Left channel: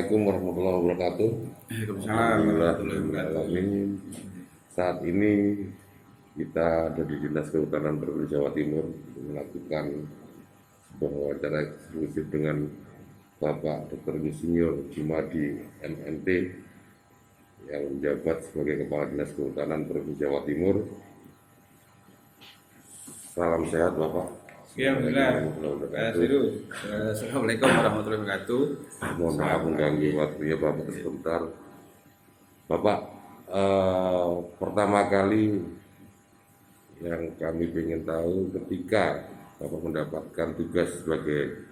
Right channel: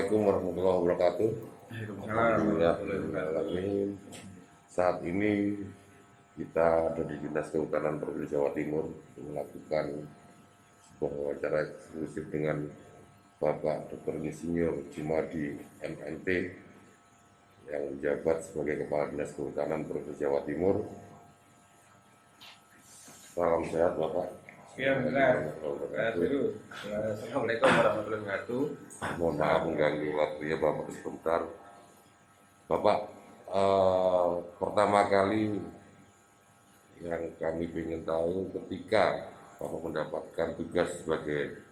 Assalamualaikum warahmatullahi wabarakatuh. Alhamdulillah, alamin. Saat ini kita ada di Dinas Kehutanan Provinsi Jawa Timur untuk melakukan sebuah wawancara eksklusif dengan Bapak Dr. Insinyur Jumadi MNT yang menjabat sebagai Kepala Dinas Kehutanan Provinsi Jawa Timur. Salam sehat Bapak. Ya, alhamdulillah. Assalamualaikum warahmatullahi wabarakatuh. Mohon maaf mengganggu waktunya Bapak sebentar. Bapak, pertama kali yang kami ingin tahu ketika Bapak mendapatkan tugas sebagai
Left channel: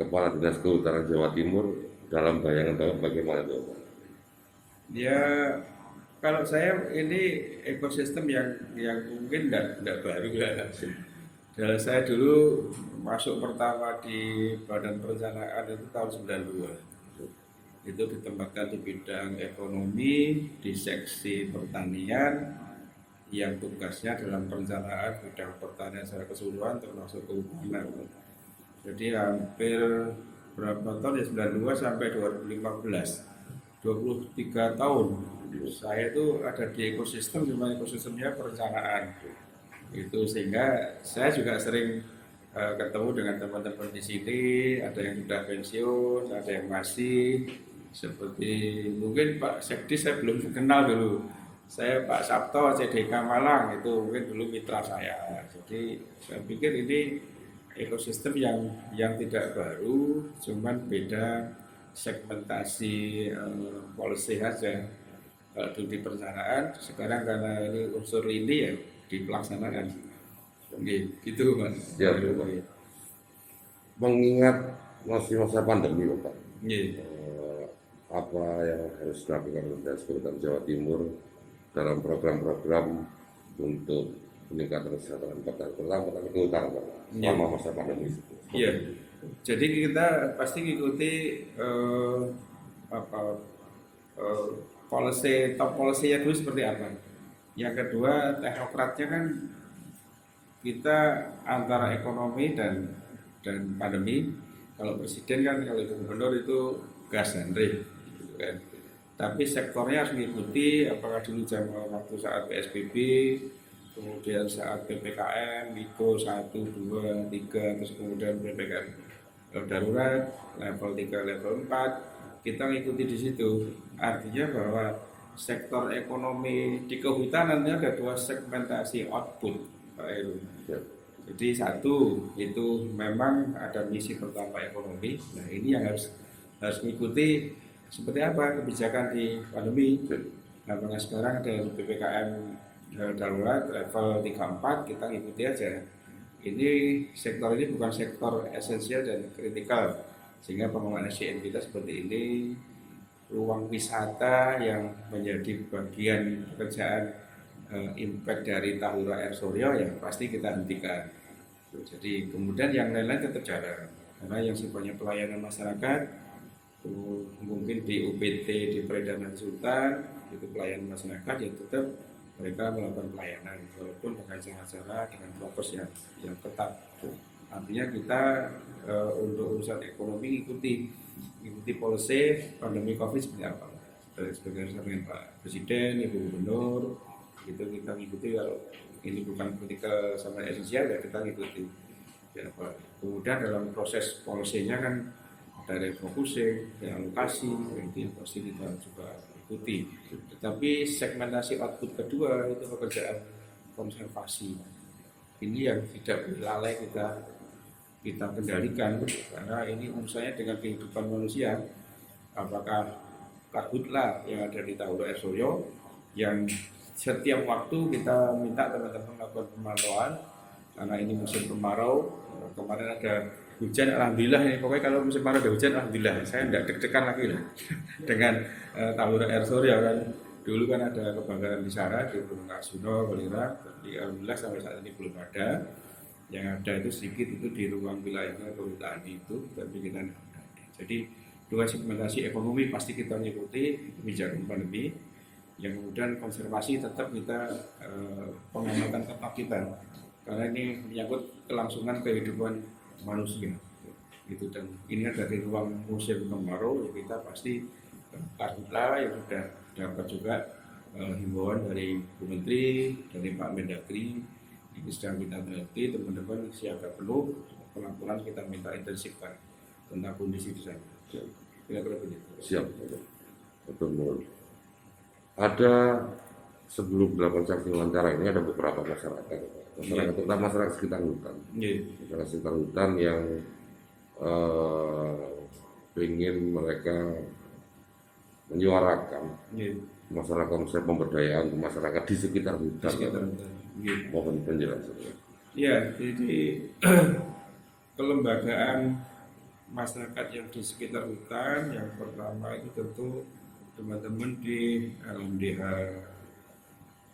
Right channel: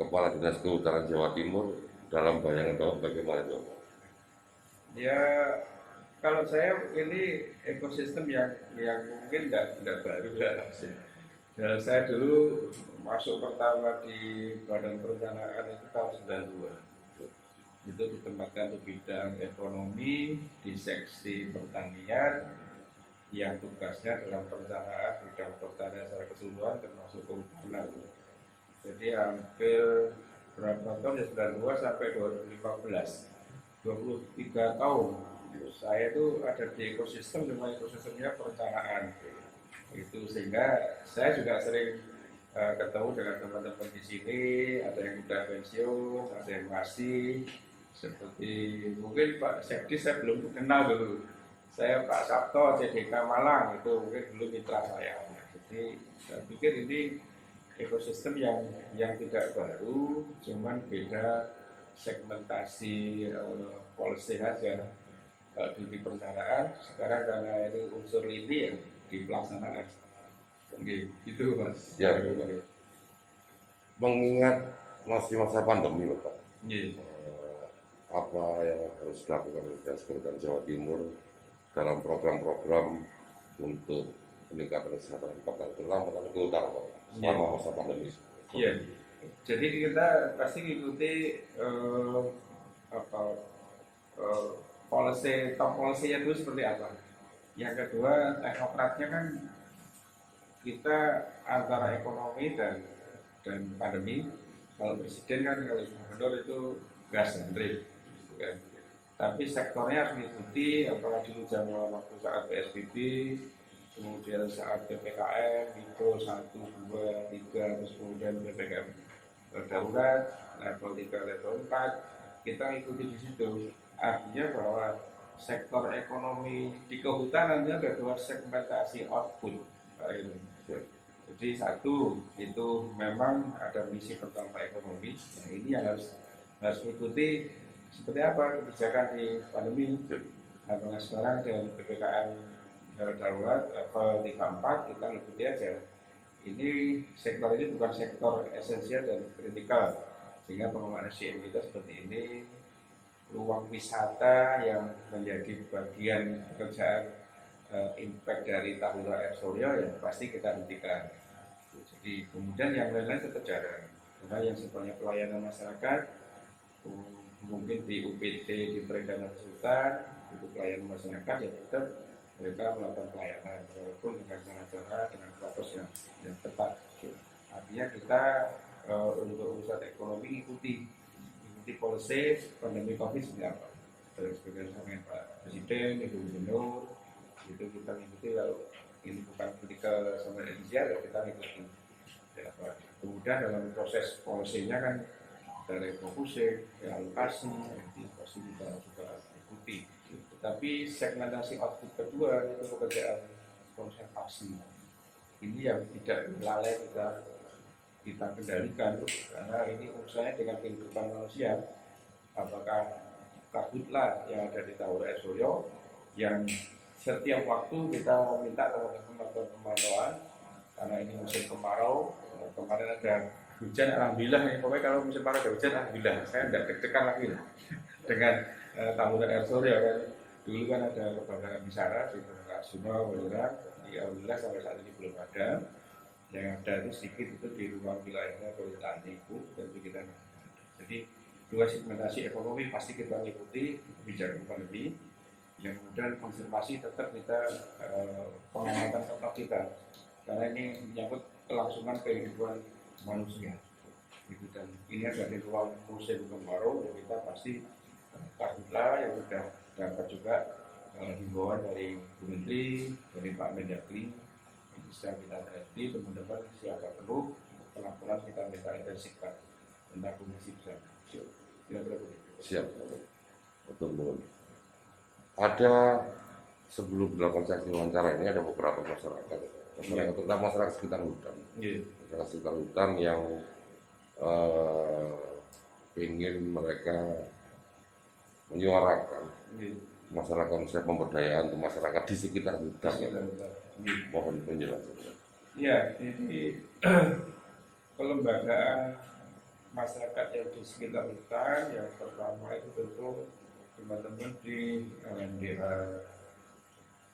Kepala Dinas Kehutanan Jawa Timur, dalam bayangan Bapak bagaimana itu Bapak? Ya, kalau saya ini ekosistem yang mungkin tidak baru ya. Dan saya dulu masuk pertama di Badan Perencanaan itu tahun 92. Itu ditempatkan di bidang ekonomi, di seksi pertanian, yang tugasnya dalam perencanaan bidang pertanian secara keseluruhan termasuk kehutanan. Jadi hampir berapa tahun ya, 92 sampai 2015, 23 tahun saya itu ada di ekosistem, cuma ekosistemnya perencanaan itu, sehingga saya juga sering ketemu dengan teman-teman di sini, ada yang sudah pensiun, ada yang masih, seperti mungkin Pak Sekdi saya belum kenal dulu, saya Pak Sabto CDK Malang itu mungkin dulu mitra saya. Jadi saya pikir ini ekosistem yang tidak baru, cuman beda segmentasi policy saja. Kalau dulu di perencanaan, sekarang karena ini unsur lini ya di pelaksanaan. Oke, gitu Mas. Ya, Bapak. Mengingat masih masa pandemi Bapak, apa yang harus dilakukan oleh Dinas Kehutanan Jawa Timur dalam program-program untuk peningkatan kesejahteraan petani, terutama petani kehutanan Bapak, selama masa pandemi? Iya. Jadi kita pasti ngikuti policy, top policy-nya dulu seperti apa. Yang kedua, teknokratnya kan kita antara ekonomi dan pandemi. Kalau presiden kan, kalau gubernur itu gas dan rem, gitu kan. Tapi sektornya harus mengikuti, apakah dulu zaman waktu saat PSBB, kemudian saat PPKM, mikro 1, 2, 3, terus kemudian PPKM darurat, level 3, level 4, kita mengikuti di situ. Artinya bahwa sektor ekonomi di kehutanan itu ada dua segmentasi output, Pak Heru. Jadi satu itu memang ada misi pertama ekonomi. Nah ini yang harus mengikuti seperti apa kebijakan di pandemi. Nah sekarang ada PPKM darurat level 3-4, kita ngikuti aja. Ini sektor ini bukan sektor esensial dan kritikal, sehingga pengembangan SDM kita seperti ini. Ruang wisata yang menjadi bagian pekerjaan impact dari Tahura Air Suryo ya pasti kita hentikan. Jadi kemudian yang lain-lain tetap jalan, karena yang sifatnya pelayanan masyarakat mungkin di UPT, di Peredaran Sultan itu pelayanan masyarakat ya tetap mereka melakukan pelayanan walaupun dengan cara-cara dengan prokes yang ketat. Artinya kita untuk urusan ekonomi ikuti policy pandemi COVID seperti apa. Sebagai dengan Pak Presiden, Ibu Gubernur, itu kita ngikuti. Kalau ini bukan kritikal sama esensial ya kita ngikuti. Ya, kemudian dalam proses polisinya kan dari refocusing, realokasi, itu pasti kita coba ikuti. Tetapi segmentasi output kedua itu pekerjaan konservasi. Ini yang tidak lalai kita kendalikan, karena ini urusannya dengan kehidupan manusia. Apakah karhutlah yang ada di Tahura Air Suryo yang setiap waktu kita minta teman-teman melakukan pemantauan, karena ini musim kemarau. Kemarin ada hujan, alhamdulillah ini pokoknya kalau musim kemarau ada hujan, alhamdulillah saya tidak deg-degan lagi lah dengan Tahura Air Suryo kan. Dulu kan ada kebakaran di sana di Gunung Kasuno, Belirang, tapi alhamdulillah sampai saat ini belum ada. Yang ada itu sedikit itu di ruang wilayahnya kehutanan itu, tapi kita tidak ada. Jadi dua segmentasi ekonomi pasti kita mengikuti kebijakan pandemi. Yang kemudian konservasi tetap kita pengamatan tetap kita, karena ini menyangkut kelangsungan kehidupan manusia. Itu dan ini ada di ruang musim kemarau ya kita pasti karhutla yang sudah dapat juga himbauan dari Bu Menteri, dari Pak Mendagri, ini sedang kita teliti teman-teman siaga penuh, pelan-pelan kita minta intensifkan tentang kondisi di sana. Kira-kira begitu. Siap, betul. Ada sebelum dilakukan saksi wawancara ini ada beberapa masyarakat, terutama masyarakat sekitar hutan, masyarakat sekitar hutan yang ingin mereka menyuarakan masalah konsep pemberdayaan untuk masyarakat di sekitar hutan. Mohon penjelasan. Ya, jadi kelembagaan masyarakat yang di sekitar hutan yang pertama itu tentu teman-teman di LMDH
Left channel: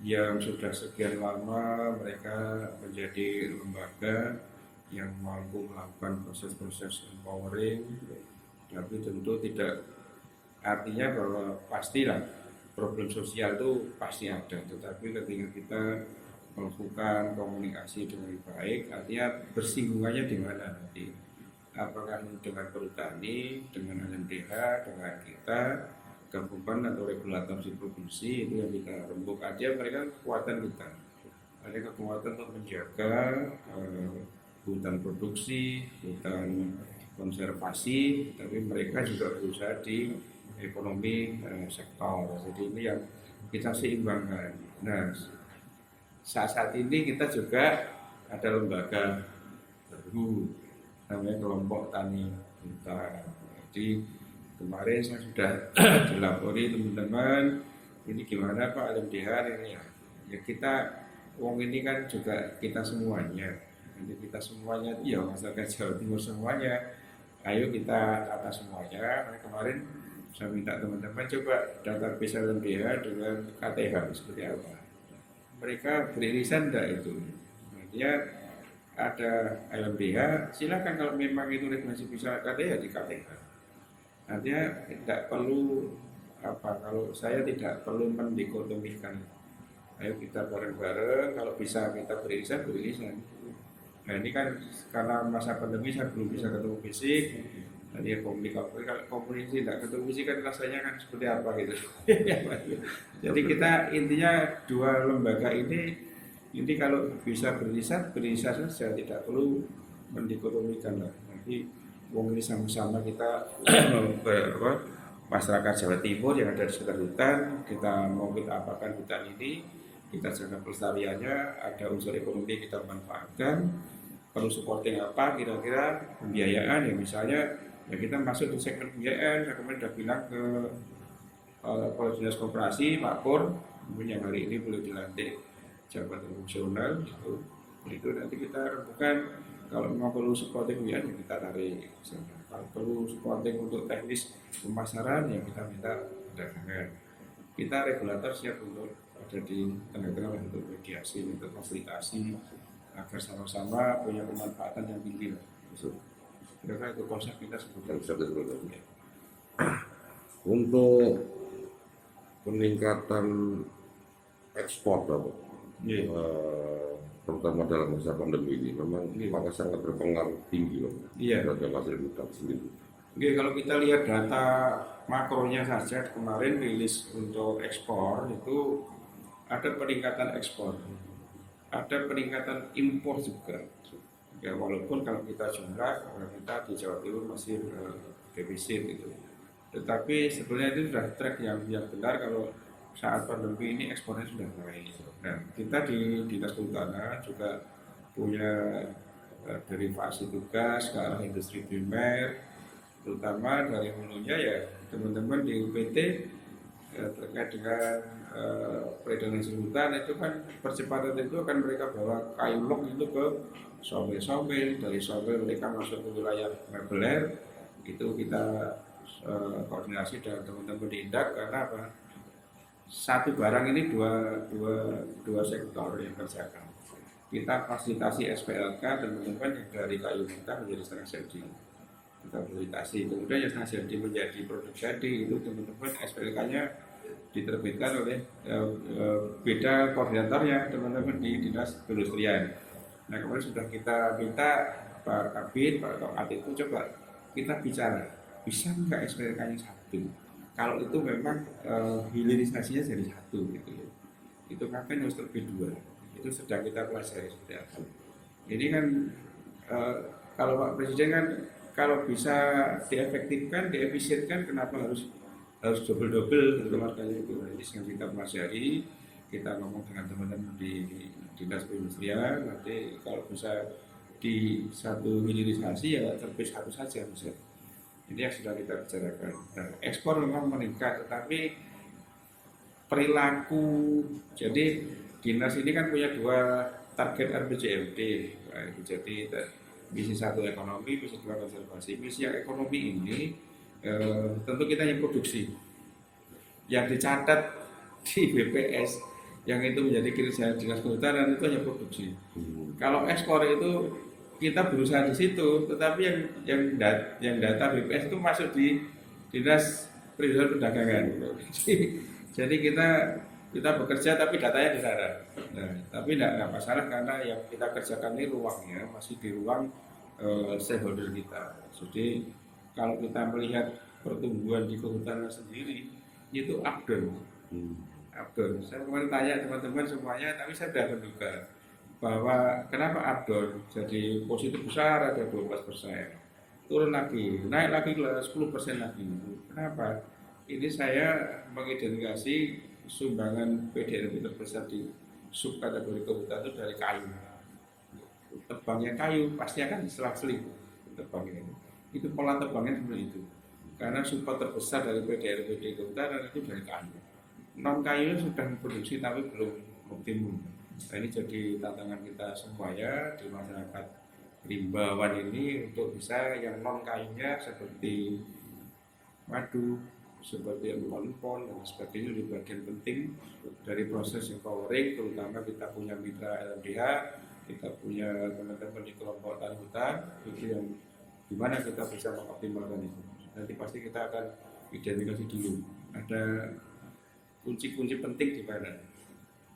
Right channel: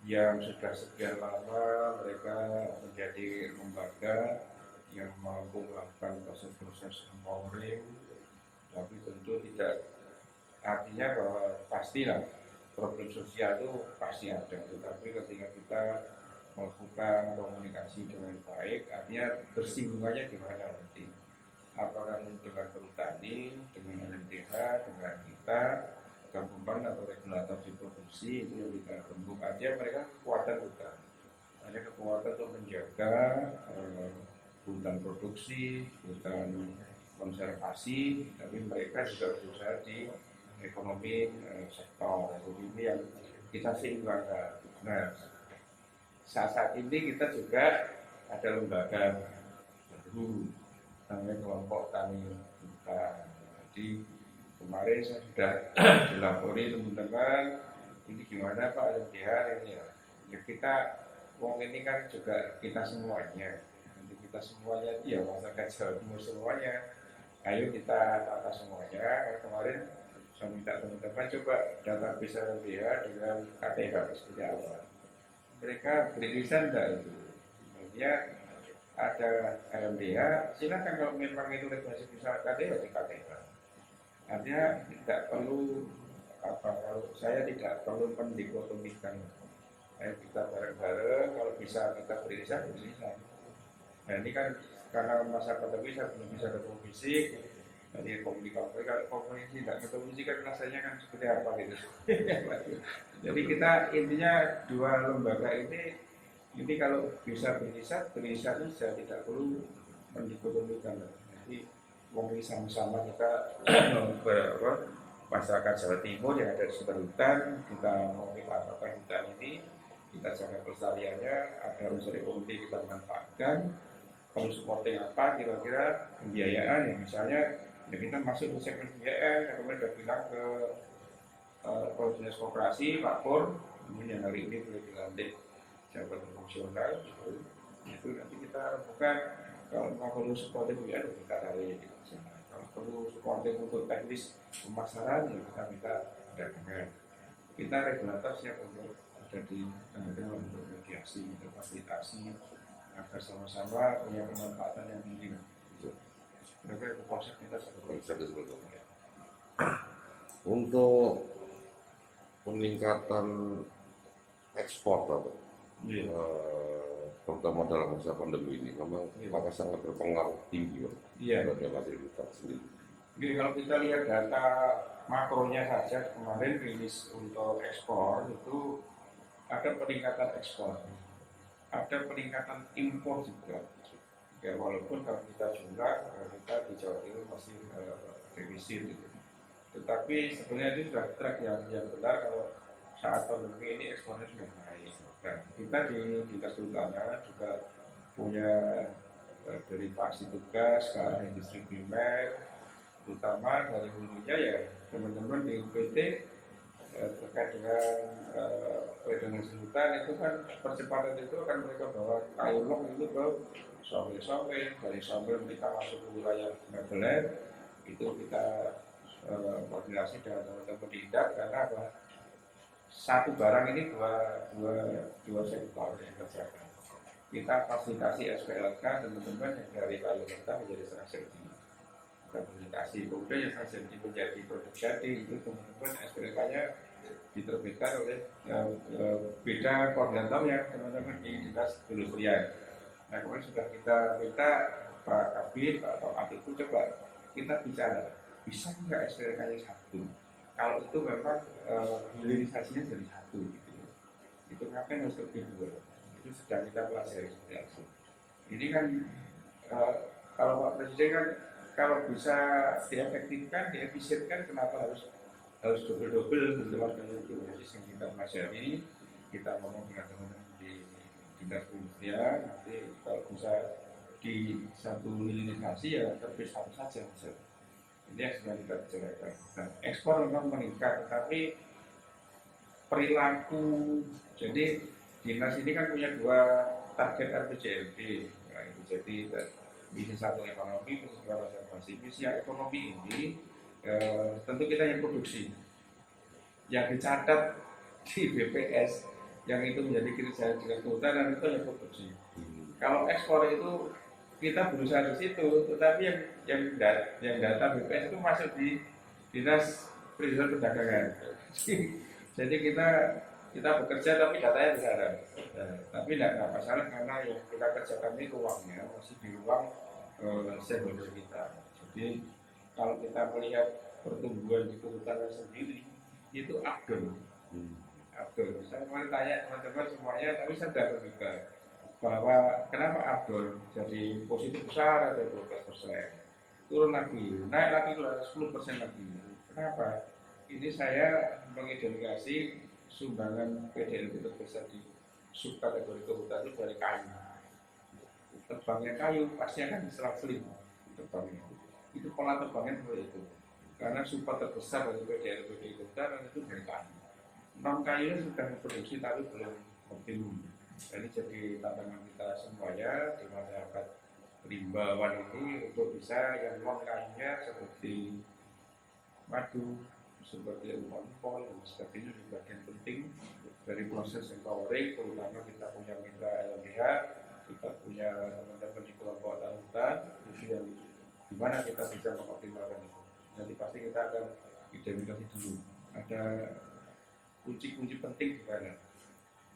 yang sudah sekian lama mereka menjadi lembaga yang mampu melakukan proses-proses empowering, tapi tentu tidak artinya bahwa pastilah problem sosial itu pasti ada, tetapi ketika kita melakukan komunikasi dengan baik, artinya bersinggungannya di mana nanti, apakah dengan perhutani, dengan LMDH, dengan kita, gabungan atau regulator di provinsi, itu yang kita rembuk aja mereka kekuatan kita, ada kekuatan untuk menjaga hutan produksi, hutan konservasi, tapi mereka juga berusaha di ekonomi sektor. Jadi ini yang kita seimbangkan. Nah, saat ini kita juga ada lembaga baru namanya kelompok tani hutan. Jadi kemarin saya sudah dilapori teman-teman, ini gimana Pak LMDH ini ya kita wong ini kan juga kita semuanya. Nanti kita semuanya ya masyarakat Jawa Timur semuanya. Ayo kita tata semuanya. Kemarin saya minta teman-teman coba database LMDH dengan KTH seperti apa. Mereka beririsan enggak itu. Dia ada LMDH, silakan kalau memang itu regulasi bisa KTH di KTH. Artinya tidak perlu kalau saya tidak perlu mendikotomikan. Ayo kita bareng-bareng, kalau bisa kita beririsan. Nah ini kan karena masa pandemi saya belum bisa ketemu fisik. Tadi komunikasi tidak ketemu fisik kan rasanya kan seperti apa gitu. Jadi kita intinya dua lembaga ini kalau bisa beririsan saja, tidak perlu mendikotomikan lah. Jadi ini sama-sama kita masyarakat Jawa Timur yang ada di sekitar hutan, kita mau kita apakan hutan ini, kita jaga pelestariannya, ada unsur ekonomi kita manfaatkan, perlu supporting apa, kira-kira pembiayaan ya misalnya, ya kita masuk ke segmen pembiayaan, saya kemarin sudah bilang ke Kepala Dinas Koperasi, Pak Pur, yang hari ini boleh dilantik jabatan fungsional, itu nanti kita rembukan, kalau memang perlu supporting pembiayaan ya kita tarik ke sana. Kalau perlu supporting untuk teknis pemasaran ya kita minta dagangan. Kita regulator siap untuk ada di tengah-tengah untuk mediasi, untuk fasilitasi agar sama-sama punya kemanfaatan yang tinggi. Kira-kira itu konsep kita sebetulnya. Untuk peningkatan ekspor, terutama dalam masa pandemi ini, memang maka sangat berpengaruh tinggi terhadap hasil hutan sendiri. Oke, kalau kita lihat data makronya saja kemarin rilis untuk ekspor itu ada peningkatan ekspor, ada peningkatan impor juga. Ya, walaupun kalau kita jumlah kita di Jawa Timur masih defisit gitu. Tetapi sebenarnya itu sudah track yang benar kalau saat pandemi ini ekspornya sudah naik. Dan kita di Dinas Kehutanan juga punya derivasi tugas ke arah industri primer, terutama dari hulunya ya teman-teman di UPT terkait dengan peredaran hasil hutan itu kan percepatan itu akan mereka bawa kayu log itu ke sawil-sawil, dari sawil mereka masuk ke wilayah mebeler, itu kita koordinasi dengan teman-teman di Indak karena apa? Satu barang ini dua sektor yang kerjakan. Kita fasilitasi SPLK teman-teman yang dari kayu mentah menjadi setengah jadi. Kita fasilitasi, kemudian yang setengah jadi menjadi produk jadi itu teman-teman SPLK-nya diterbitkan oleh beda koordinatornya teman-teman di Dinas Perindustrian. Nah kemudian sudah kita minta Pak Kabir, Pak Tokat itu coba kita bicara, bisa nggak SPRK-nya satu? Kalau itu memang hilirisasinya jadi satu gitu ya. Itu kan harus terbit dua. Itu sedang kita pelajari seperti apa. Ini kan kalau Pak Presiden kan kalau bisa diefektifkan, diefisienkan, kenapa harus double-double gitu makanya itu. Jadi sekarang kita pelajari, kita ngomong dengan teman-teman di dinas perindustrian, nanti kalau bisa di satu hilirisasi ya terbit satu saja bisa. Ini yang sudah kita bicarakan. Nah, ekspor memang meningkat, tetapi perilaku. Jadi dinas ini kan punya dua target RPJMD. Nah, itu jadi misi satu ekonomi, misi dua konservasi. Misi yang ekonomi ini tentu kita yang produksi, yang dicatat di BPS, yang itu menjadi kinerja dinas kehutanan itu hanya produksi. Kalau ekspor itu kita berusaha di situ, tetapi yang data BPS itu masuk di dinas perindustrian perdagangan. Jadi kita bekerja tapi datanya di sana. Nah, tapi tidak masalah karena yang kita kerjakan ini ruangnya masih di ruang stakeholder kita. Jadi kalau kita melihat pertumbuhan di kehutanan sendiri itu updown. Saya kemarin tanya teman-teman semuanya, tapi saya sudah menduga bahwa kenapa updown jadi positif besar ada 12%, turun lagi, naik lagi 10% lagi. Kenapa? Ini saya mengidentifikasi sumbangan PDRB terbesar di subkategori kehutanan itu dari kayu. Tebangnya kayu pasti akan selang-seling tebangnya. Itu pola tebangnya seperti itu. Karena support terbesar dari PDRB di kehutanan itu dari kayu. Non kayu sudah memproduksi tapi belum optimum. Nah, ini jadi tantangan kita semuanya di masyarakat rimbawan ini untuk bisa yang non kayunya seperti madu, seperti empon-empon dan sebagainya di bagian penting dari proses empowering. Terutama kita punya mitra LMDH, kita punya teman-teman di kelompok tani hutan, itu yang dimana kita bisa mengoptimalkan itu. Nanti pasti kita akan identifikasi dulu ada kunci-kunci penting di mana.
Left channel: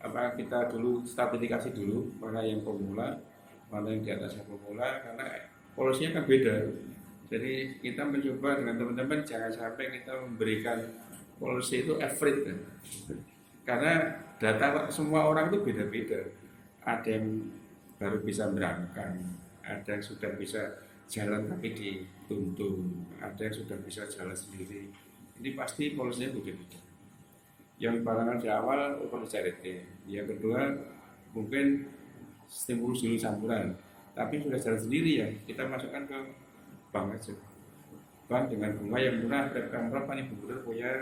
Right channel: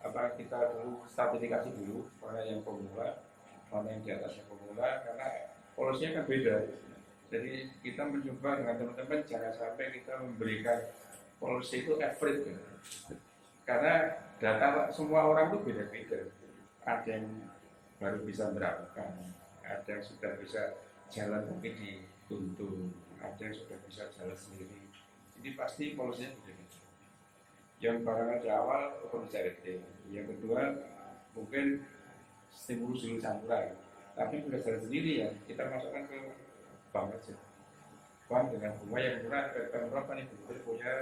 Apakah kita dulu stratifikasi dulu mana yang pemula, mana yang di atasnya pemula, karena polosinya kan beda. Jadi kita mencoba dengan teman-teman jangan sampai kita memberikan polisi itu average kan. Karena data semua orang itu beda-beda. Ada yang baru bisa berangkat, ada yang sudah bisa jalan tapi dituntun, ada yang sudah bisa jalan sendiri. Ini pasti polisinya beda-beda. Yang barangkali di awal perlu charity, yang kedua mungkin stimulus dulu campuran, tapi sudah jalan sendiri ya kita masukkan ke bank aja, bank dengan bunga yang murah. Berapa nih benar punya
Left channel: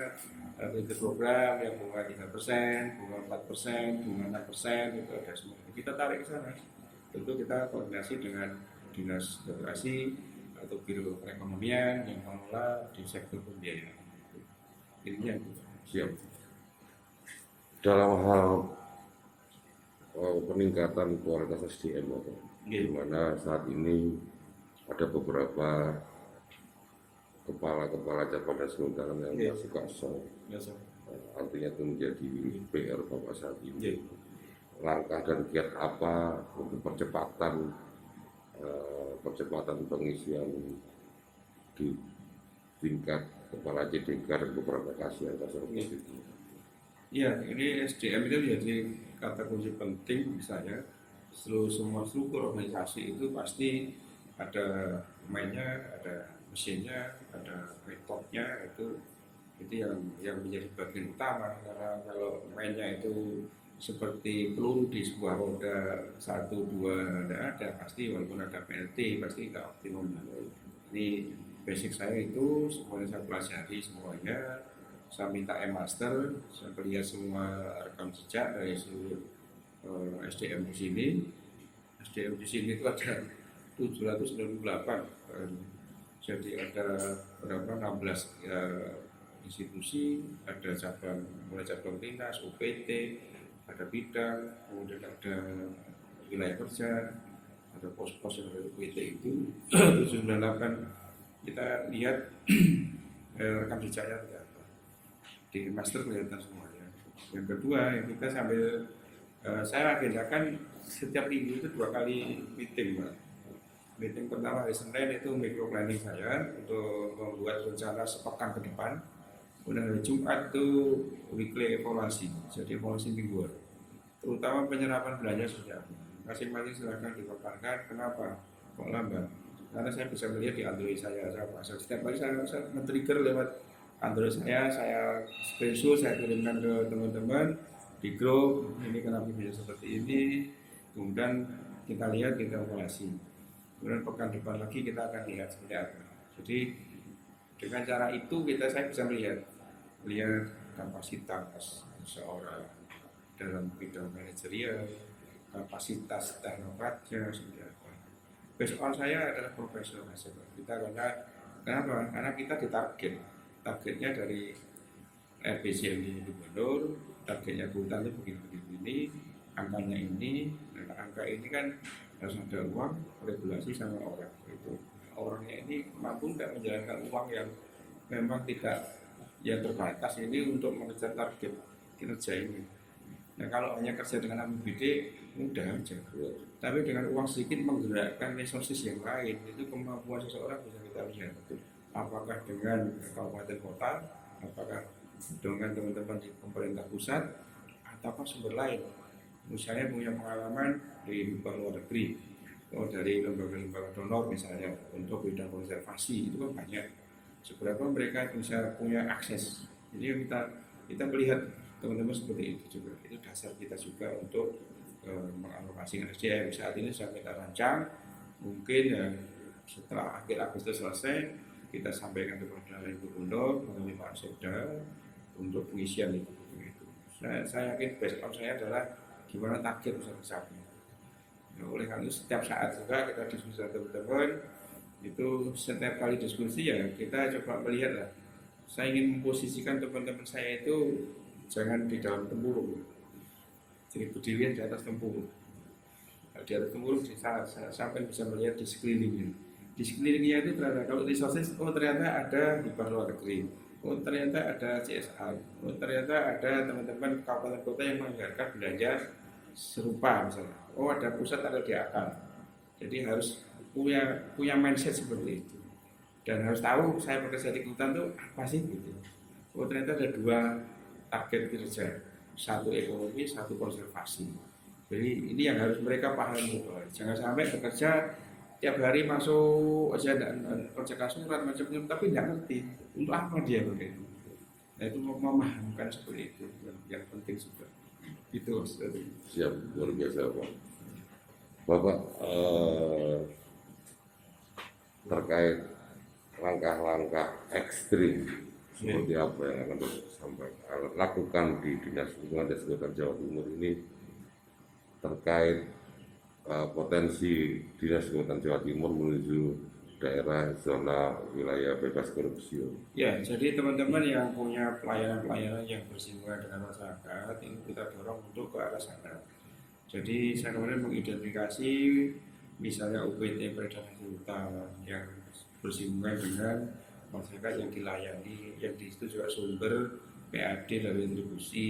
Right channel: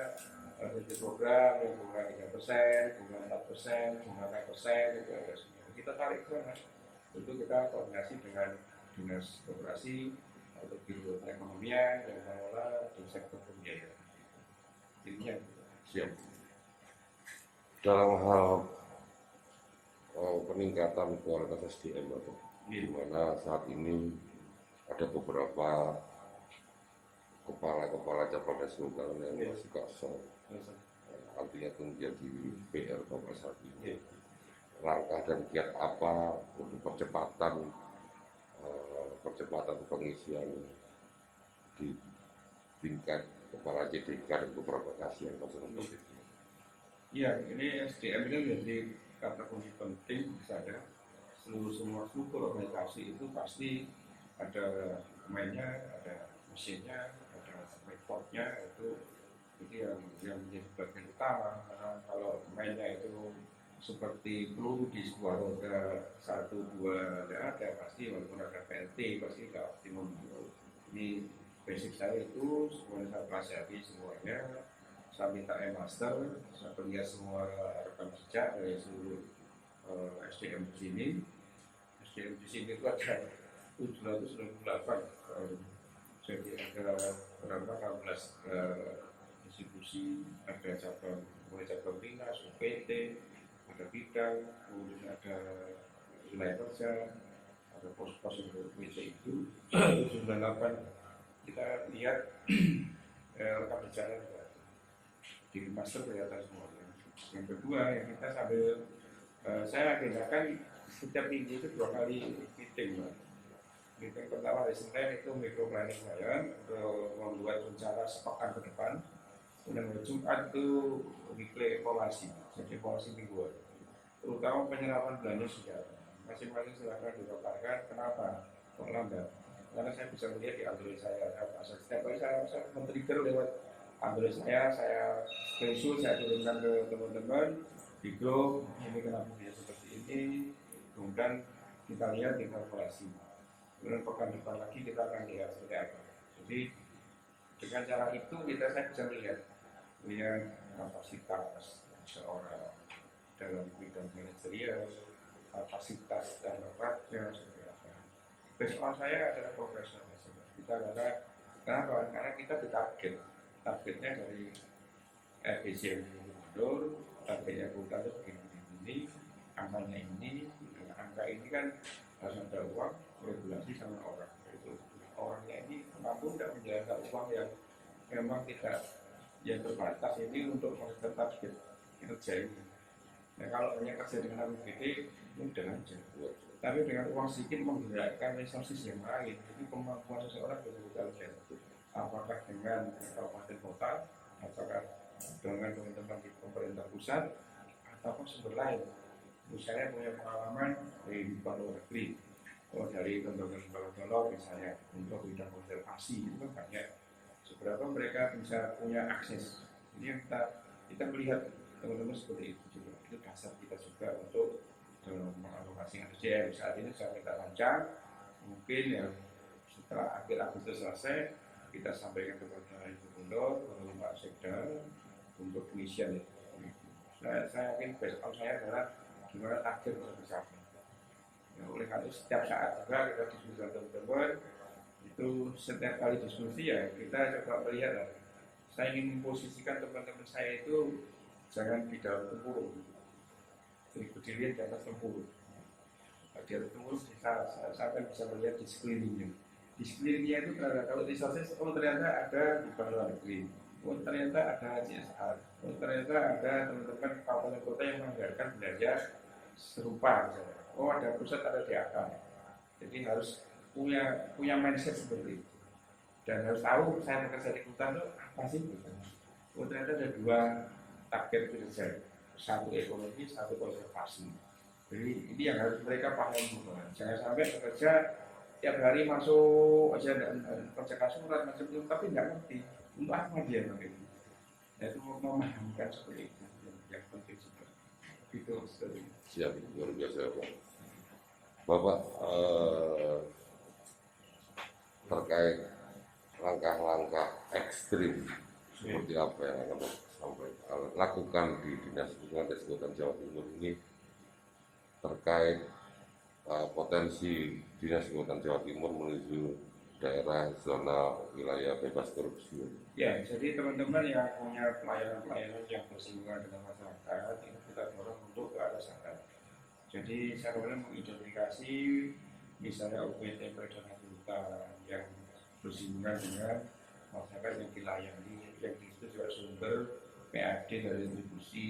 program yang bunga 3%, bunga 4%, bunga 6%, itu ada semua. Kita tarik ke sana. Tentu kita koordinasi dengan dinas koperasi atau biro perekonomian yang mengelola di sektor pembiayaan. Ininya siap. Dalam hal peningkatan kualitas SDM atau di mana saat ini ada beberapa kepala cabang dan kehutanan yang masih kosong. Artinya itu menjadi PR Bapak saat ini. Langkah dan kiat apa untuk percepatan pengisian di tingkat kepala JDK dan beberapa kasih yang kosong itu? Ya, ini SDM itu menjadi kata kunci penting misalnya. Semua struktur organisasi itu pasti ada pemainnya, ada mesinnya, ada metodenya, itu yang menjadi bagian utama. Karena kalau mainnya itu seperti peluru di sebuah roda 1, 2 ada pasti, walaupun ada PLT pasti nggak optimum. Ini basic saya itu semuanya saya pelajari semuanya. Saya minta e-master, saya lihat semua rekam jejak dari seluruh SDM di sini. SDM di sini itu ada 798, jadi ada berapa 16 institusi, ada cabang, mulai cabang dinas, UPT, ada bidang, kemudian ada wilayah kerja, ada pos-pos yang dari UPT itu 798. Kita lihat rekam jejaknya di master kelihatan semuanya. Yang kedua, yang kita sambil saya agendakan setiap minggu itu 2 kali meeting, Pak. Meeting pertama hari Senin itu micro planning saya untuk membuat rencana sepekan ke depan. Kemudian hari Jumat itu weekly evaluasi, jadi evaluasi mingguan. Terutama penyerapan belanja sudah. Masing-masing silakan dipaparkan kenapa kok lambat. Karena saya bisa melihat di Android saya pasang setiap kali saya men-trigger lewat Android saya screenshot, saya kirimkan ke teman-teman di grup, ini kenapa bisa seperti ini, kemudian kita lihat, kita evaluasi. Kemudian pekan depan lagi kita akan lihat seperti apa. Jadi dengan cara itu saya bisa melihat kapasitas seseorang dalam bidang manajerial, kapasitas teknokratnya seperti apa. Besok saya adalah profesional kita kenapa? Karena kita targetnya dari RPC di gubernur, targetnya hutan itu begini, angkanya ini, nah, angka ini kan harus ada uang, regulasi sama orang. Itu orangnya ini mampu tidak menjalankan uang yang memang tidak yang terbatas ini untuk mengejar target kinerja ini. Nah kalau hanya kerja dengan APBD mudah aja, tapi dengan uang sedikit menggerakkan resources yang lain itu kemampuan seseorang bisa kita lihat. Apakah dengan kabupaten kota, apakah dengan teman-teman di pemerintah pusat, ataukah sumber lain. Misalnya punya pengalaman dari luar negeri, dari lembaga-lembaga donor misalnya untuk bidang konservasi itu kan banyak. Seberapa mereka bisa punya akses. Jadi kita melihat teman-teman seperti itu juga. Itu dasar kita juga untuk mengalokasikan SDM. Saat ini sudah kita rancang, mungkin setelah akhir Agustus selesai kita sampaikan kepada Ibu Gubernur melalui Pak Sekda untuk pengisian itu. Saya yakin besok saya adalah gimana target bisa tercapai. Ya, oleh karena itu setiap saat juga kita diskusi dengan teman-teman, itu setiap kali diskusi ya kita coba melihat lah. Saya ingin memposisikan teman-teman saya itu jangan di dalam tempurung, jadi berdiri di atas tempurung. Di atas tempurung di sana sampai bisa melihat di sekelilingnya. Di sekelilingnya itu ternyata kalau resources, ternyata ada di luar negeri, ternyata ada CSR, ternyata ada teman-teman kabupaten kota yang menganggarkan belanja serupa misalnya. Ada pusat, ada di akal. Jadi harus punya mindset seperti itu. Dan harus tahu saya bekerja di hutan itu apa sih gitu. Ternyata ada dua target kerja, satu ekonomi, satu konservasi. Jadi ini yang harus mereka paham. Jangan sampai bekerja tiap hari masuk aja dan kerjakan surat macam-macam tapi tidak ngerti untuk apa dia begitu. Nah itu memahamkan seperti itu yang penting juga. Itu siap, luar biasa Pak. Bapak terkait langkah-langkah ekstrim seperti apa yang akan sampai lakukan di Dinas Lingkungan dan Kehutanan Jawa Timur ini terkait potensi Dinas Kehutanan Jawa Timur menuju daerah zona wilayah bebas korupsi. Ya, jadi teman-teman yang punya pelayanan-pelayanan yang bersinggungan dengan masyarakat ini kita dorong untuk ke arah sana. Jadi saya kemudian mengidentifikasi misalnya UPT peredaran hutan yang bersinggungan dengan masyarakat yang dilayani, yang di situ juga sumber PAD dari retribusi,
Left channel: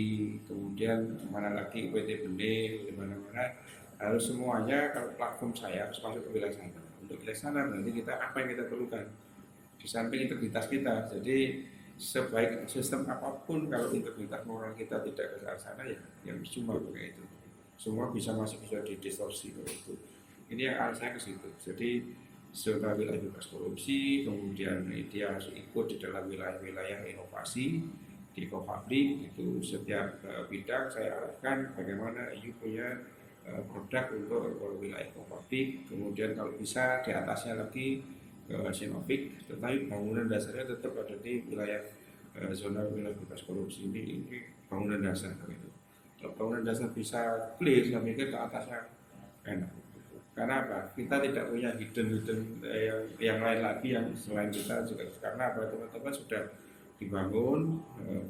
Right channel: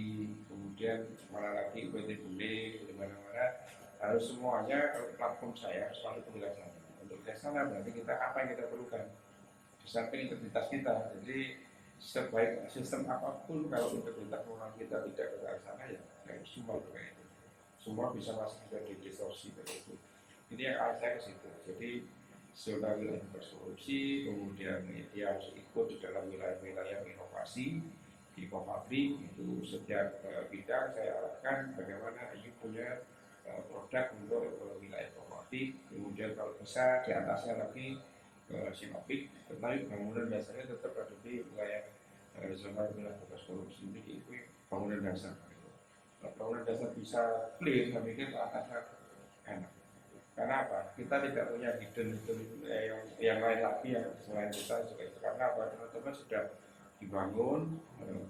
kemudian mana lagi UPT benih, di mana-mana harus semuanya kalau platform saya harus masuk ke wilayah sana. Untuk wilayah sana berarti kita apa yang kita perlukan di samping integritas kita. Jadi sebaik sistem apapun kalau integritas moral kita tidak ke arah sana ya yang cuma kayak itu. Semua masih bisa didistorsi itu. Ini yang arah saya ke situ. Jadi zona wilayah bebas korupsi, kemudian dia harus ikut di dalam wilayah-wilayah inovasi di Kopabri itu setiap bidang saya arahkan bagaimana you punya produk untuk wilayah Kopabri. Kemudian kalau bisa di atasnya lagi Sinopik, tetapi bangunan dasarnya tetap ada di wilayah zona wilayah bebas korupsi ini bangunan dasar itu. Kalau bangunan dasar bisa clear, saya pikir ke atasnya enak. Karena apa? Kita tidak punya hidden yang lain lagi yang selain kita juga. Karena apa? Teman-teman sudah dibangun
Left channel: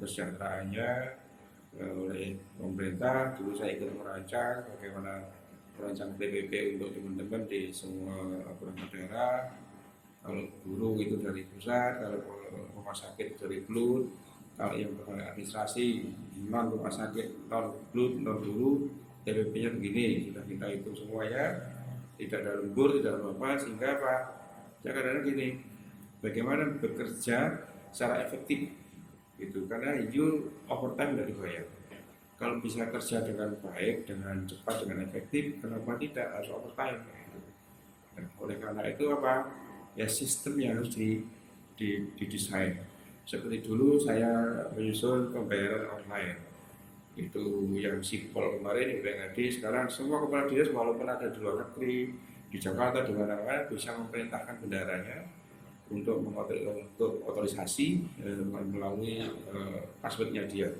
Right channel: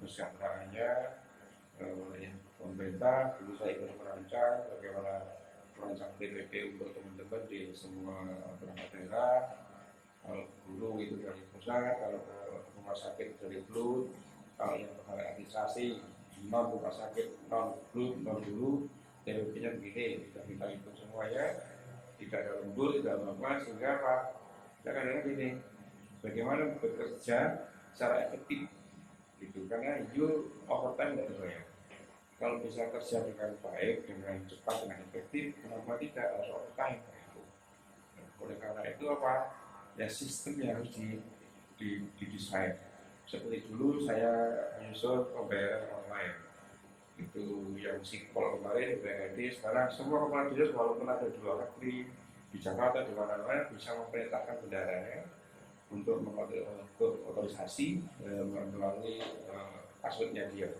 kesejahteraannya oleh pemerintah. Dulu saya ikut merancang bagaimana merancang PPP untuk teman-teman di semua perangkat daerah. Kalau guru itu dari pusat, kalau rumah sakit dari Blut, kalau yang administrasi non rumah sakit non Blut non dulu, TPP-nya begini, kita hitung semuanya. tidak ada lembur, tidak apa-apa, sehingga apa? Ya kadang-kadang gini, bagaimana bekerja secara efektif itu, karena you overtime tidak dibayar. Kalau bisa kerja dengan baik, dengan cepat, dengan efektif, kenapa tidak harus overtime gitu. Nah, oleh karena itu apa? Ya sistem yang harus didesain. Seperti dulu saya menyusun pembayaran online. Itu yang sipol kemarin di BNHD, sekarang semua kepala dinas walaupun ada di luar negeri, di Jakarta, di mana-mana bisa memerintahkan bendaranya untuk otorisasi melalui passwordnya dia.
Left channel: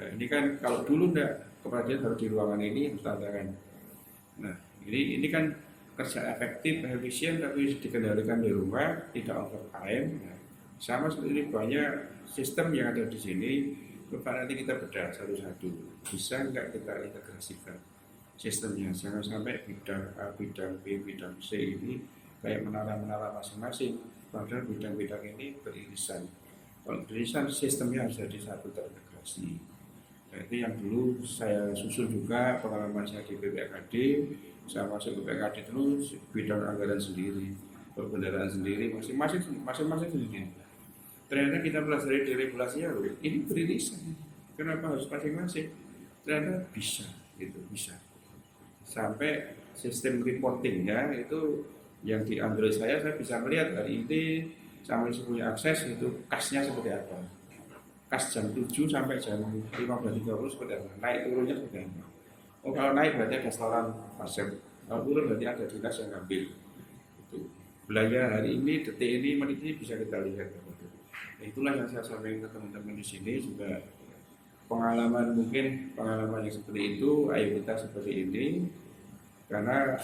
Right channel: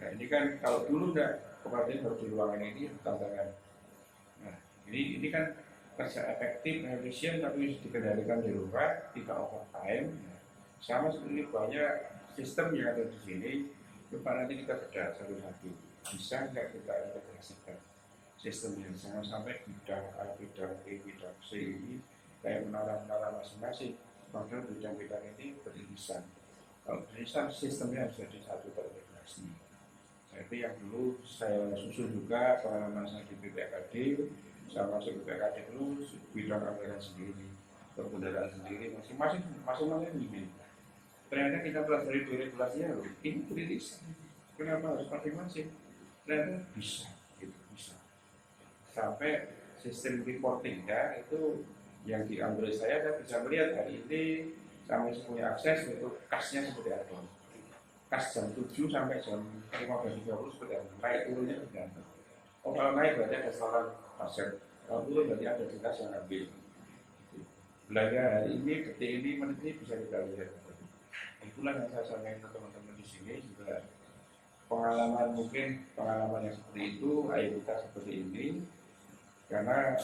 Nah ini kan kalau dulu enggak, kepala dinas harus di ruangan ini tantangan. Nah ini kan kerja efektif dan efisien tapi dikendalikan di rumah, tidak overtime. Nah, sama seperti ini banyak sistem yang ada di sini. Nanti kita bedah satu-satu, bisa nggak kita integrasikan sistemnya, jangan sampai bidang A, bidang B, bidang C ini kayak menara-menara masing-masing, padahal bidang-bidang ini beririsan. Kalau beririsan sistemnya harus jadi satu terintegrasi. Nah, itu yang dulu saya susun juga pengalaman saya di BPKD, saya masuk BPKD dulu bidang anggaran sendiri, perbendaharaan sendiri, masing-masing sendiri. Ternyata kita pelajari di regulasinya loh, ini beririsan. Kenapa harus masing-masing? Ternyata bisa, gitu bisa. Sampai sistem reportingnya itu yang di Android saya bisa melihat hari ini sampai punya akses itu kasnya seperti apa. Kas jam 7 sampai jam 15.30 seperti apa. Naik turunnya seperti apa. Oh kalau naik berarti ada saluran pasir. Kalau turun berarti ada dinas yang ngambil. Itu. Belanja hari ini, detik ini, menit ini bisa kita lihat. Itulah yang saya sampaikan ke teman-teman di sini juga pengalaman yang seperti itu, ayo kita seperti ini karena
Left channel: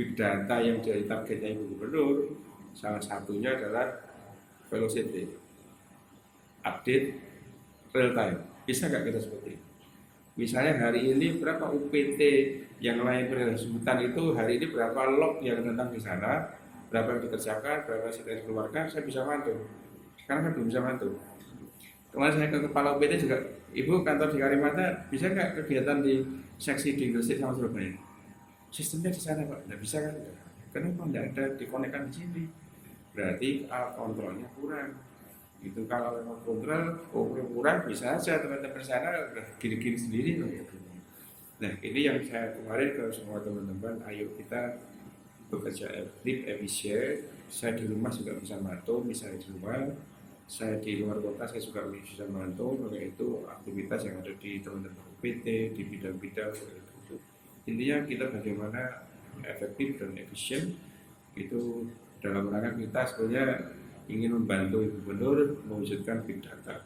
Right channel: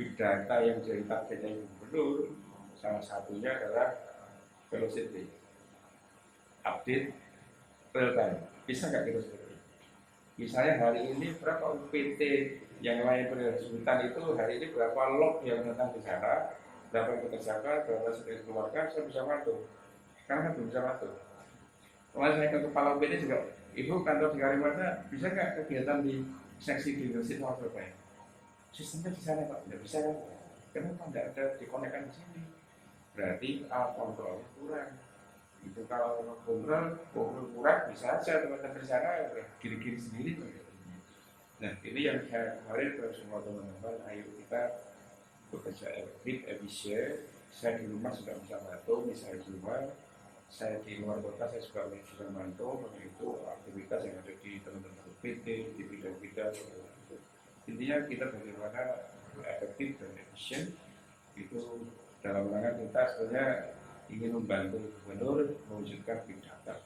big data yang jadi targetnya Ibu Gubernur salah satunya adalah velocity update real time. Bisa nggak kita seperti itu? Misalnya hari ini berapa UPT yang lain hutan itu hari ini berapa log yang tentang di sana, berapa yang dikerjakan, berapa yang dikeluarkan, saya bisa bantu. Sekarang kan belum bisa bantu. Kemarin saya ke kepala UPT juga, Ibu kantor di Kalimantan bisa nggak kegiatan di seksi di Gresik sama Surabaya? Sistemnya di sana Pak, nggak bisa kan? Kenapa nggak ada dikonekkan di sini? Berarti kontrolnya kurang. Itu kalau kontrol kurang bisa saja teman-teman di sana gini-gini sendiri. Nah ini yang saya kemarin ke semua teman-teman, ayo kita bekerja efisien. Saya di rumah juga bisa bantu, misalnya di rumah. Saya di luar kota saya juga bisa membantu, yaitu aktivitas yang ada di teman-teman UPT, di bidang-bidang. Intinya kita bagaimana efektif dan efisien itu dalam rangka kita sebenarnya ingin membantu Ibu Gubernur mewujudkan big data.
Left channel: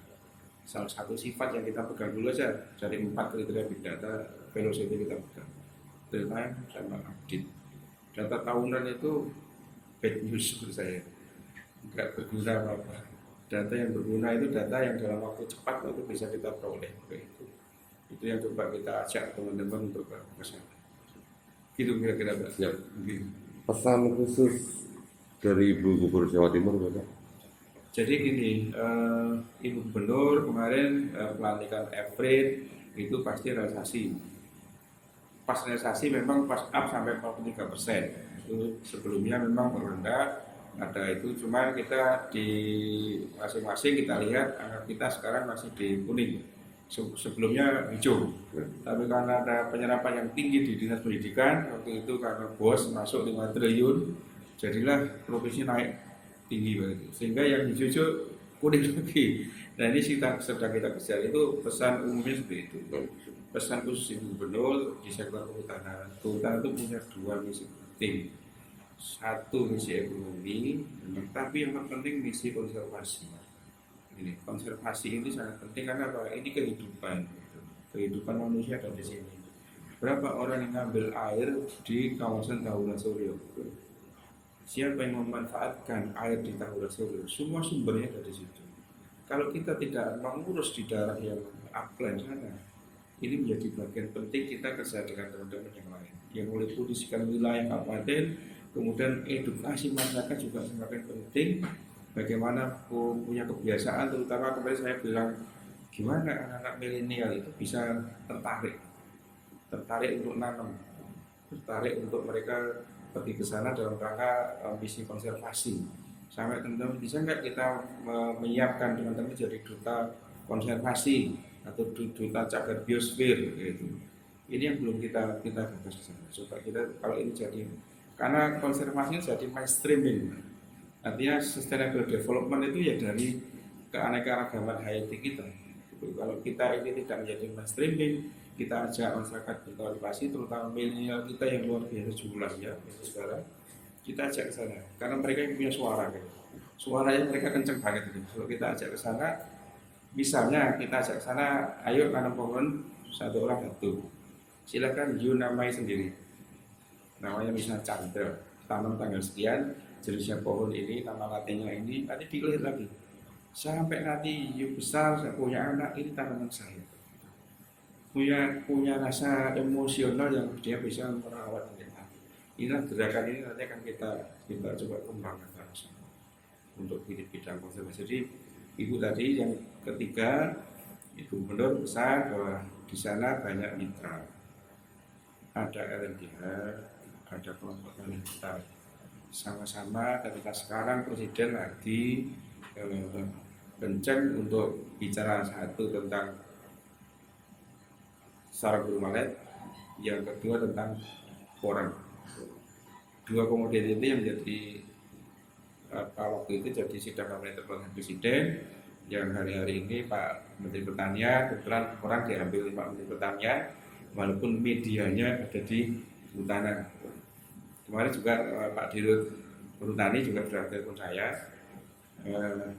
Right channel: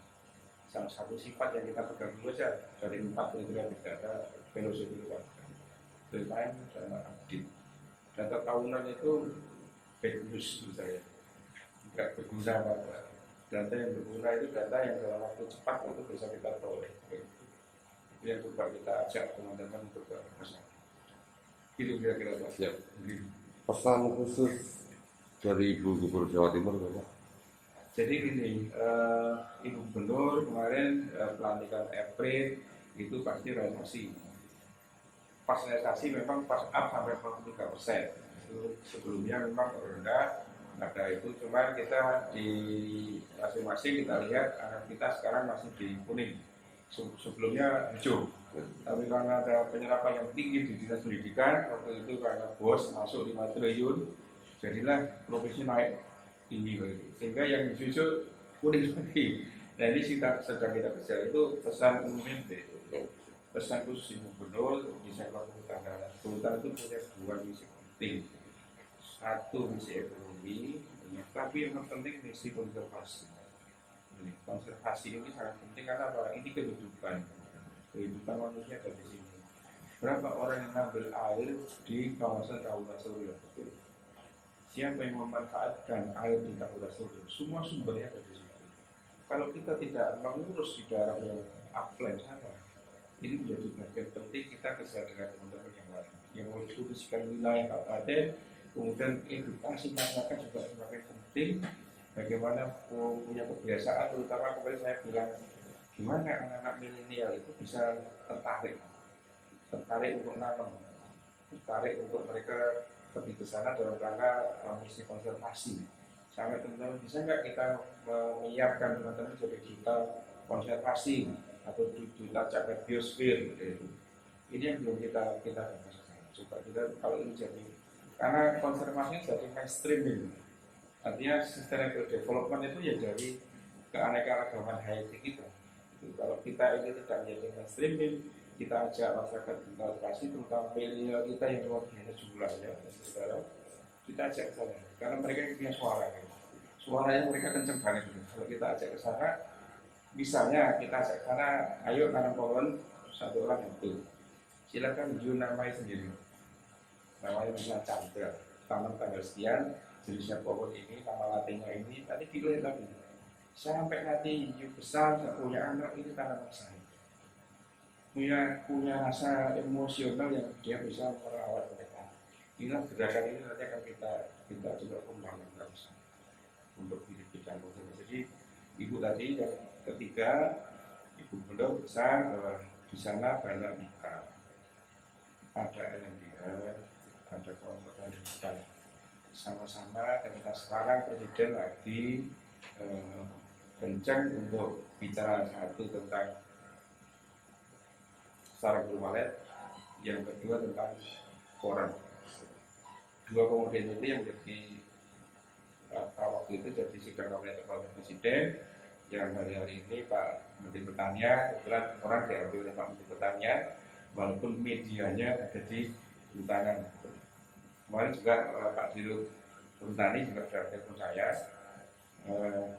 Salah satu sifat yang kita pegang dulu saja dari 4 kriteria big data, velocity kita pegang, real time sama update. Data tahunan itu bad news menurut saya, nggak berguna apa-apa. Data yang berguna itu data yang dalam waktu cepat itu bisa kita peroleh. Itu yang coba kita ajak teman-teman untuk ke masyarakat. Gitu kira-kira Pak. Siap. Pesan khusus dari Ibu Gubernur Jawa Timur Bapak? Jadi gini, Ibu Gubernur kemarin pelantikan April itu pasti realisasi. Pas realisasi memang pas up sampai 43%. Itu sebelumnya memang rendah. Ada itu, cuma kita di masing-masing kita lihat kita sekarang masih di kuning, sebelumnya hijau. Tapi karena ada penyerapan yang tinggi di dinas pendidikan waktu itu karena bos masuk 5 triliun, jadilah provinsi naik tinggi begitu, sehingga yang hijau kuning lagi. Nah ini sedang kita kejar, itu pesan umumnya seperti itu. Pesan khusus Ibu Gubernur di sektor kehutanan. Kehutanan itu punya 2 misi penting. Satu misi ekonomi, tapi yang terpenting misi konservasi. Ini konservasi ini sangat penting karena apa? Ini kehidupan manusia ada di sini. Berapa orang yang ngambil air di kawasan Tahura Suryo? Siapa yang memanfaatkan air di Tahura Suryo? Semua sumbernya ada di situ. Kalau kita tidak mengurus di daerah yang upland sana, ini menjadi bagian penting kita kerja dengan teman-teman yang lain yang boleh putuskan wilayah kabupaten. Kemudian edukasi masyarakat juga semakin penting. Bagaimana punya kebiasaan, terutama kemarin saya bilang gimana anak-anak milenial itu bisa tertarik untuk nanam, tertarik untuk mereka pergi ke sana dalam rangka misi konservasi. Sampai teman-teman bisa nggak kita menyiapkan teman-teman jadi duta konservasi atau duta cagar biosfer gitu. Ini yang belum kita bahas ke sana. Supaya kita kalau ini jadi, karena konservasi jadi mainstreaming. Artinya sustainable development itu ya dari keanekaragaman hayati kita. Kalau kita ini tidak menjadi mainstreaming, kita ajak masyarakat berpartisipasi, terutama milenial kita yang luar biasa jumlahnya sekarang, kita ajak ke sana karena mereka yang punya suara gitu. Suaranya mereka kenceng banget gitu. Kalau kita ajak ke sana, misalnya kita ajak ke sana, ayo tanam pohon satu orang satu, silakan you namai sendiri, namanya misalnya Chandra, tanam tanggal sekian, jenisnya pohon ini, nama latinnya ini, nanti dilihat lagi sampai nanti you besar, saya punya anak, ini tanaman saya, punya rasa emosional yang dia bisa merawat mereka. Inilah gerakan ini nanti akan kita coba kembangkan bersama untuk bidang konservasi. Jadi ibu tadi yang ketiga, ibu gubernur besar bahwa di sana banyak mitra, ada LMDH, ada kelompok LMDH, sama-sama. Dan kita sekarang presiden lagi kencang untuk bicara satu tentang sarang burung walet, yang kedua tentang koran. Dua komoditi itu yang menjadi waktu itu jadi sidang kabinet terbatas presiden, yang hari-hari ini Pak Menteri Pertanian, kebetulan orang diambil oleh Pak Menteri Pertanian, walaupun medianya ada di Kehutanan. Kemarin juga Pak Dirut Perhutani juga bertelepon saya,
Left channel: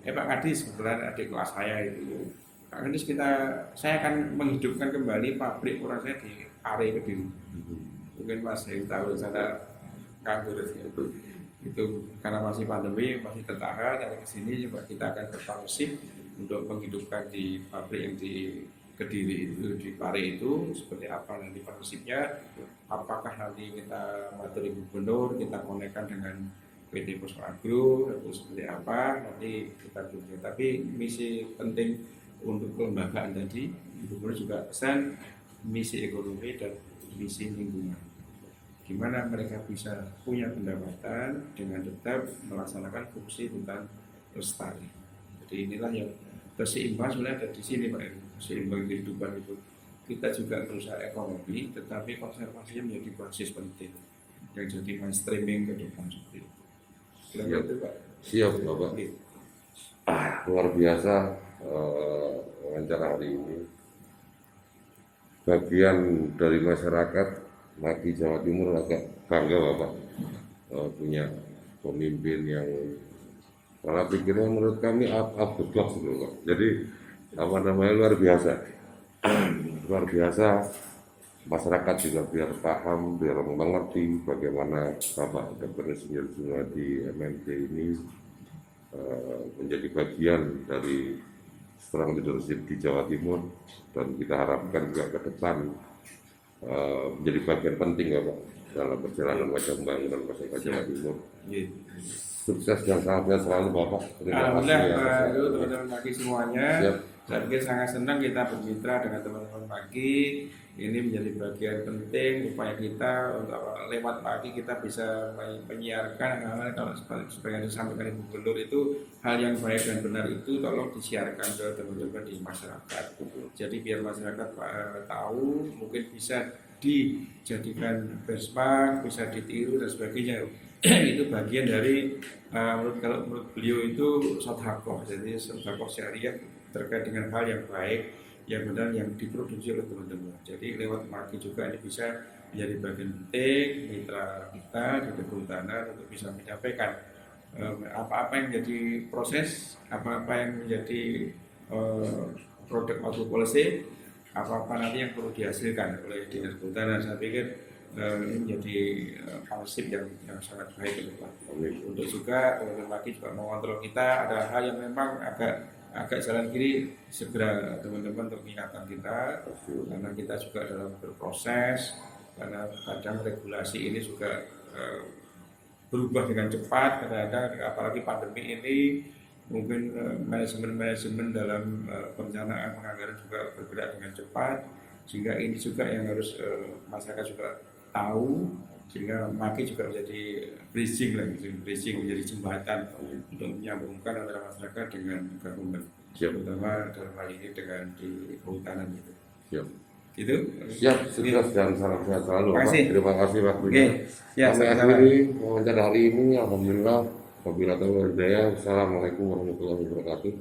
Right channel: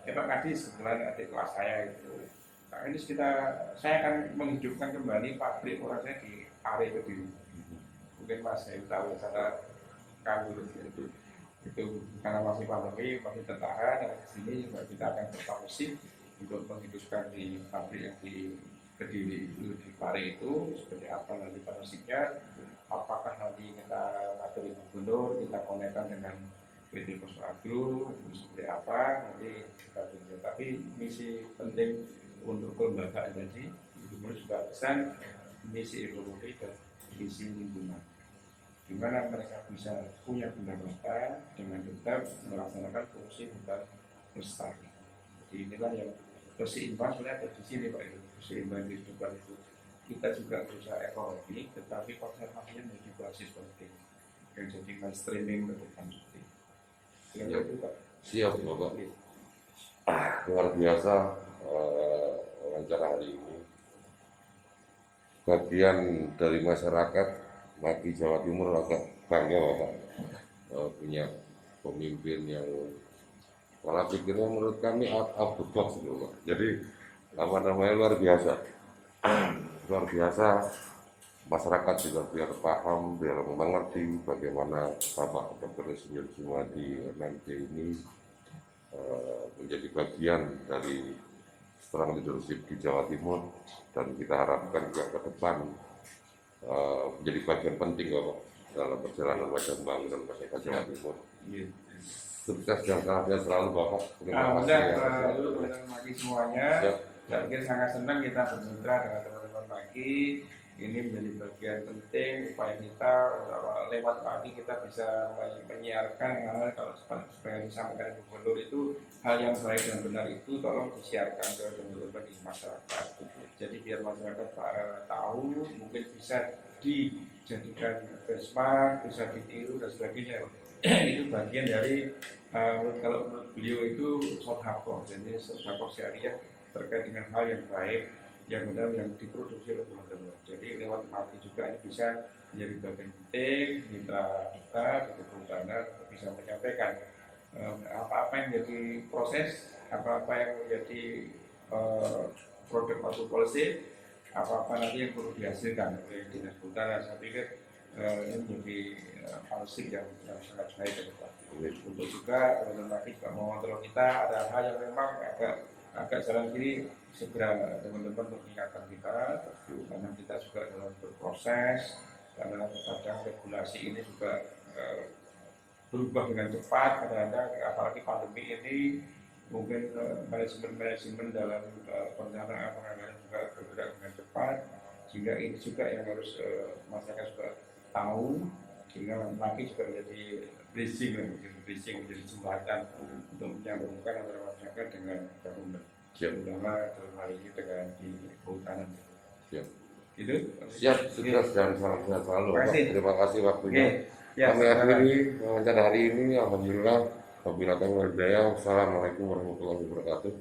Pak Kadis, kebetulan adik kelas saya itu, Pak Kadis saya akan menghidupkan kembali pabrik orang saya di area Kediri. Mungkin Mas yang tahu sana Kanggur itu karena masih pandemi, masih tertahan, dari kesini juga kita akan berpartisip untuk menghidupkan di pabrik yang di Kediri itu, di Pare itu, seperti apa nanti partnershipnya, apakah nanti kita materi gubernur, kita konekkan dengan PT Pos Agro, atau seperti apa, nanti kita tunggu. Tapi misi penting untuk kelembagaan tadi, gubernur juga pesan misi ekonomi dan misi lingkungan. Gimana mereka bisa punya pendapatan dengan tetap melaksanakan fungsi hutan lestari. Jadi inilah yang keseimbangan sebenarnya ada di sini Pak. Keseimbangan kehidupan itu kita juga berusaha ekonomi, tetapi konservasinya menjadi basis penting yang jadi mainstreaming ke depan seperti itu. Siap, Itu, Pak. siap Bapak. Luar biasa wawancara hari ini. Bagian dari masyarakat Maki Jawa Timur agak bangga Bapak punya pemimpin yang pola pikirnya menurut kami out of the box gitu Pak. Jadi luar biasa. Luar biasa, masyarakat juga biar paham, biar mengerti bagaimana Bapak Dr. Insinyur Jumadi MMT ini menjadi bagian dari strong leadership di Jawa Timur, dan kita harapkan juga ke depan menjadi bagian penting Bapak dalam perjalanan wajah pembangunan masyarakat Jawa Timur. Sukses dan sehat selalu Bapak. Terima kasih teman-teman Maki semuanya. Saya pikir sangat senang kita bermitra dengan teman-teman Maki. Ini menjadi bagian penting upaya kita untuk lewat Maki kita bisa menyiarkan hal-hal kalau supaya disampaikan Ibu Gubernur itu hal yang baik dan benar itu tolong disiarkan ke teman-teman di masyarakat. Jadi biar masyarakat tahu, mungkin bisa dijadikan benchmark, bisa ditiru dan sebagainya. Itu bagian dari kalau menurut beliau itu sodhakoh, jadi sodhakoh syariah terkait dengan hal yang baik, yang benar, yang diproduksi oleh teman-teman. Jadi lewat Maki juga ini bisa menjadi bagian penting mitra kita dari Kehutanan untuk bisa menyampaikan apa-apa yang menjadi proses, apa-apa yang menjadi produk atau policy, apa-apa nanti yang perlu dihasilkan oleh Dinas Kehutanan. Saya pikir ini menjadi prinsip yang sangat baik ke depan. Untuk juga teman-teman Maki juga mengontrol kita, ada hal yang memang agak jalan kiri, segera teman-teman untuk mengingatkan kita, karena kita juga dalam berproses, karena kadang regulasi ini juga berubah dengan cepat, kadang-kadang apalagi pandemi ini mungkin manajemen dalam perencanaan penganggaran juga bergerak dengan cepat, sehingga ini juga yang harus masyarakat juga tahu sehingga Maki juga menjadi bridging lah, menjadi jembatan untuk menyambungkan antara masyarakat dengan government, terutama dalam hal ini dengan di kehutanan gitu. Siap. Gitu. Siap, sukses dan salam sehat selalu, Pak. Terima kasih waktunya. Ya, kami akhiri wawancara hari ini. Alhamdulillah. Wabillahi taufiq wal hidayah. Wassalamualaikum warahmatullahi wabarakatuh.